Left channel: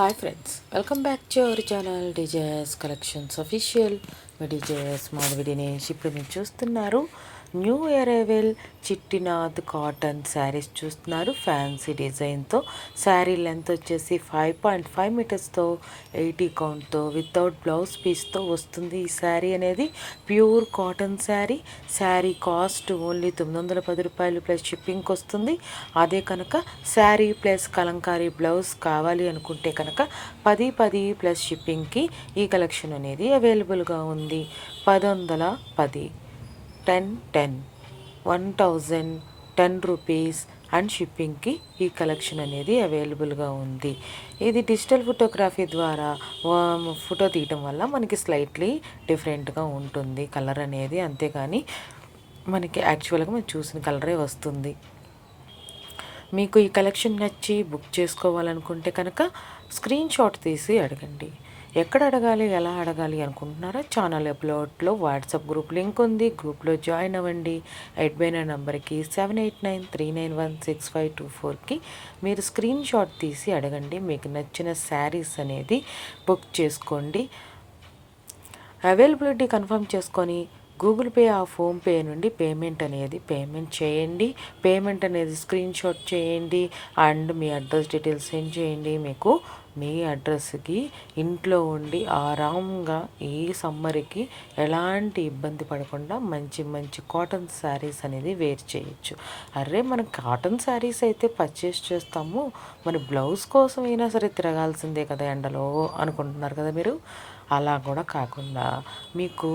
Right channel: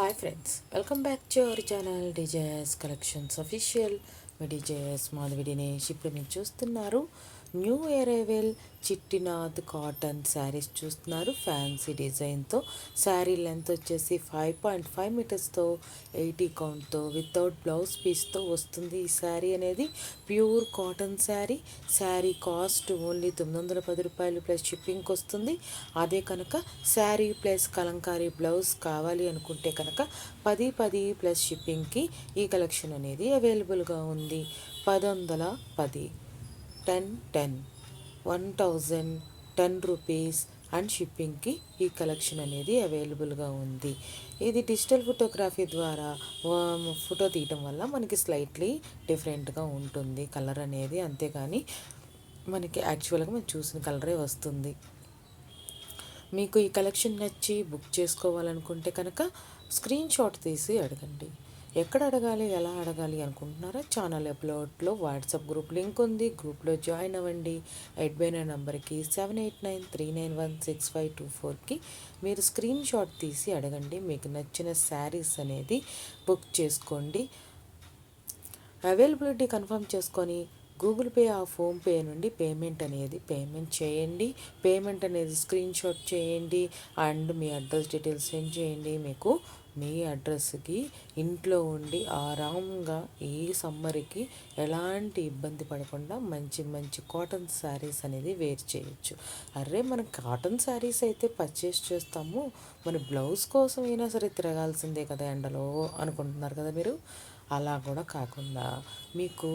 Hi friends, welcome back to our channel DJS collections official. Me DJS Madhavi Dinesh. ఇప్పుడు మీరు చూస్తున్నారు new arrival చిట్టినాథ్ cotton saris చూస్తున్నారు. Fancy డిజైన్తో sari length వచ్చేసి 5.5 మీటర్స్తో 80 కౌంట్తో వితౌట్ బ్లౌజ్ పీస్తో వస్తుంది. ఈ శారీ అనేది pure cotton sari. Sari cost only 910 రూపాయలు ప్లస్ షిప్పింగ్కి వస్తుంది. అదే కనుక శారీ ప్లస్ కలంకారీ బ్లౌజ్ కావాలి అనుకుంటే కనుక 10 ప్లస్ షిప్పింగ్కి ఈ కలెక్షన్ అనేది అవైలబుల్గా ఉంది. 1010 10 1010 రూపీస్ అండ్ షిప్పింగ్కి ఈ కలెక్షన్ అనేది అవైలబుల్గా ఉంది. ఇది డిజిటల్ ఫోటోగ్రఫీ ద్వారా ఫోటో తీయటం వల్ల మనకి స్లైట్లీ డిఫరెంట్గా ఉంటుంది కలర్ అనేది, అంతేగాని మనకి యాక్చువల్గా మనం చూసిన కలరే వస్తుంది. మీకు ఈ కలెక్షన్ నచ్చి బుక్ చేసుకోవాలనుకుంటే కనుక స్క్రీన్ షాట్ తీసి అడగండి. ఎక్కడ అడగాలి, ఎలా అడగాలి అనుకుంటున్నారా? ఛానల్ అప్లోడ్లో వాట్సాప్ గ్రూప్ లింక్ ఉంది, గ్రూప్లో జాయిన్ అవ్వండి. 8 నెంబర్కి 7893916524కి మీరు స్క్రీన్ షాట్ తీసి అడగండి. మీకు నచ్చిన శారీస్ అనేది బుక్ చేసుకోండి. అవైలబిలిటీ కన్ఫర్మ్ చేసుకొని గూగుల్ పే ఫోన్పే నుండి పేమెంట్ చేయండి. పేమెంట్ అనేది స్క్రీన్ షాట్ చేయండి and me address details send చేయండి. మీకు మీ అడ్రస్కి ఇంట్లో ఉండి ఆరాంగా ఈ సమ్మర్కి ఎలాంటి ఇబ్బంది పడకుండా మంచి మంచి కాటన్ శారీస్ అనేది వేర్ చేయొచ్చు. అరే, మనం కాటన్ శారీస్ అయితే పర్చేస్ చేస్తాము, మరి బ్లౌజ్ కోసం అయినా సరే తిరగాల్సిందే కదా ఎండలో అనుకుంటున్నారు కదా మీరు. అలా కూడా కాకుండా మీకు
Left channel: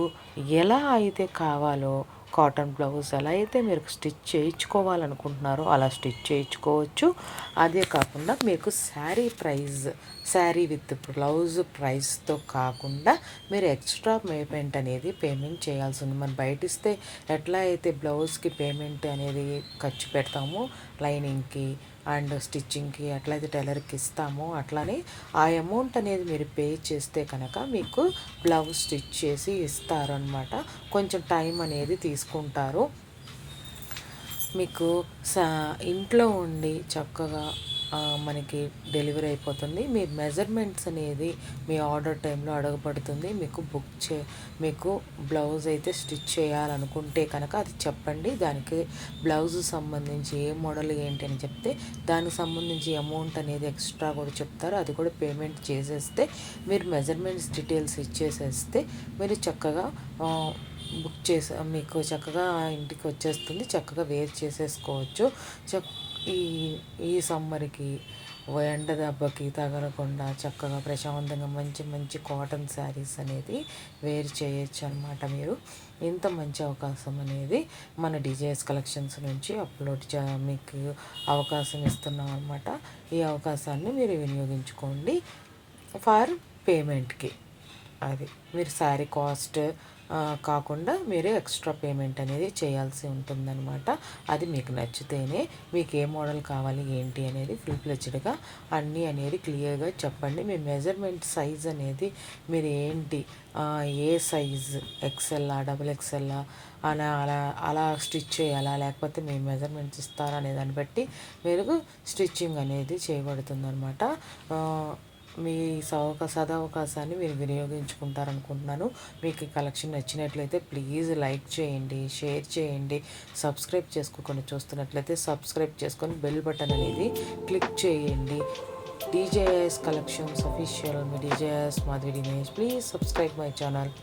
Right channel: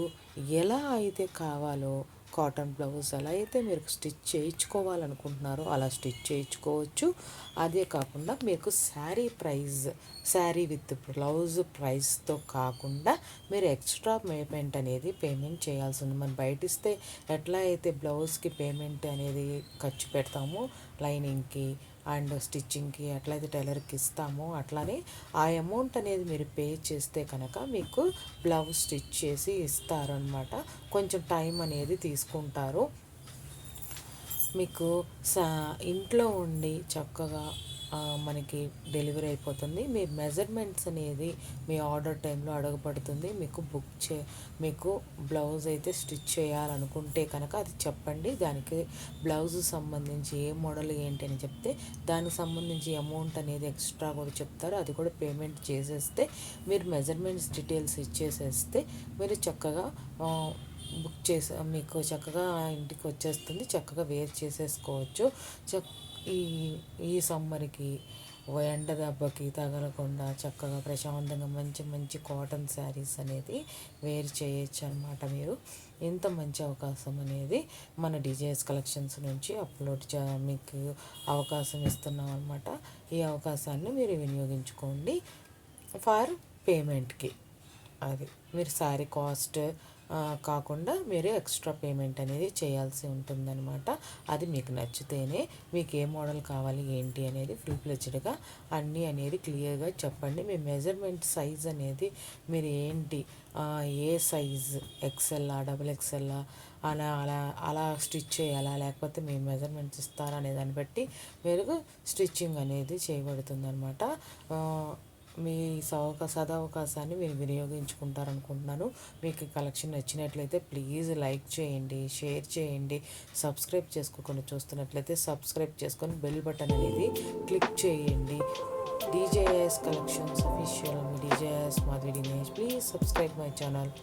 ఎలా అయితే కావాలో కాటన్ బ్లౌజ్ ఎలా అయితే మీరు స్టిచ్ చేయించుకోవాలనుకుంటున్నారో అలా స్టిచ్ చేయించుకోవచ్చు. అదే కాకుండా మీకు శారీ విత్ బ్లౌజ్ ప్రైస్తో కాకుండా మీరు ఎక్స్ట్రా పేమెంట్ చేయాల్సి ఉంది. మనం బయట ఇస్తే ఎట్లా అయితే బ్లౌజ్కి పేమెంట్ అనేది ఖర్చు పెడతామో, లైనింగ్కి అండ్ స్టిచ్చింగ్కి ఎట్లయితే టైలర్కి ఇస్తామో అట్లానే ఆ అమౌంట్ అనేది మీరు పే చేస్తే కనుక మీకు బ్లౌజ్ స్టిచ్ చేసి ఇస్తారనమాట. కొంచెం టైం అనేది తీసుకుంటారు. మీకు ఇంట్లో ఉండి చక్కగా మనకి డెలివరీ అయిపోతుంది. మీ మెజర్మెంట్స్ అనేది మీ ఆర్డర్ టైంలో అడగబడుతుంది. మీకు బ్లౌజ్ అయితే స్టిచ్ చేయాలనుకుంటే కనుక అది చెప్పండి. దానికి బ్లౌజ్ సంబంధించి ఏ మోడల్ ఏంటి అని చెప్తే దానికి సంబంధించి అమౌంట్ అనేది ఎక్స్ట్రా కూడా చెప్తారు. అది కూడా పేమెంట్ చేసేస్తే మీరు మెజర్మెంట్స్ డీటెయిల్స్ ఇచ్చేసేస్తే మీరు చక్కగా బుక్ చేసి మీకు చక్కగా ఇంటికి వచ్చేస్తుంది. చక్కగా వేర్ చేసేసుకోవచ్చు. ఈ ఈ సమ్మర్కి ఎండ దెబ్బకి తగలకుండా చక్కగా ప్రశాంతంగా మంచి మంచి కాటన్ శారీస్ అనేది వేర్ చేయొచ్చు అనమాట. మీరు ఇంత మంచి అవకాశం అనేది మన డిజైస్ కలెక్షన్స్ నుంచి మీకు అవకాశం ఇస్తున్నాం అనమాట. ఈ అవకాశాన్ని మీరు వినియోగించుకోండి ఫర్ పేమెంట్కి. అది మీరు శారీ కాస్ట్ కాకుండా మీరు ఎక్స్ట్రా పేమెంట్ అనేది చేయాల్సి ఉంటుందన్నమాట. అది మీకు నచ్చితేనే మీకు ఏ మోడల్ కావాలి ఏంటి అనేది ఫుల్ ఫ్లెడ్జ్డ్గా అన్నీ అనేది క్లియర్గా చెప్పండి. మీ మెజర్మెంట్ సైజ్ అనేది మీరు ఏంటి, ఏ సైజ్ ఎక్సెల్లా XXL అని అలా స్టిచ్ చేయాలా, లేకపోతే మీ మెజర్మెంట్స్ ఇస్తారా అనే దాన్ని బట్టి మీరు స్టిచ్చింగ్ అనేది చేయబడుతుంది అనమాట. మీ సదవకాశాన్ని మీరు వినియోగించుకుంటారనుకుంటున్నాను. మీకు ఈ కలెక్షన్ నచ్చినట్లయితే ప్లీజ్ లైక్ చేయండి, షేర్ చేయండి. సబ్స్క్రైబ్ చేసుకోకుండా చూస్తున్నట్లయితే సబ్స్క్రైబ్ చేసుకొని బెల్ బటన్ అనేది క్లిక్ చేయండి. DJS collections official. Me DJS Madhavi Dinesh. Please subscribe my channel.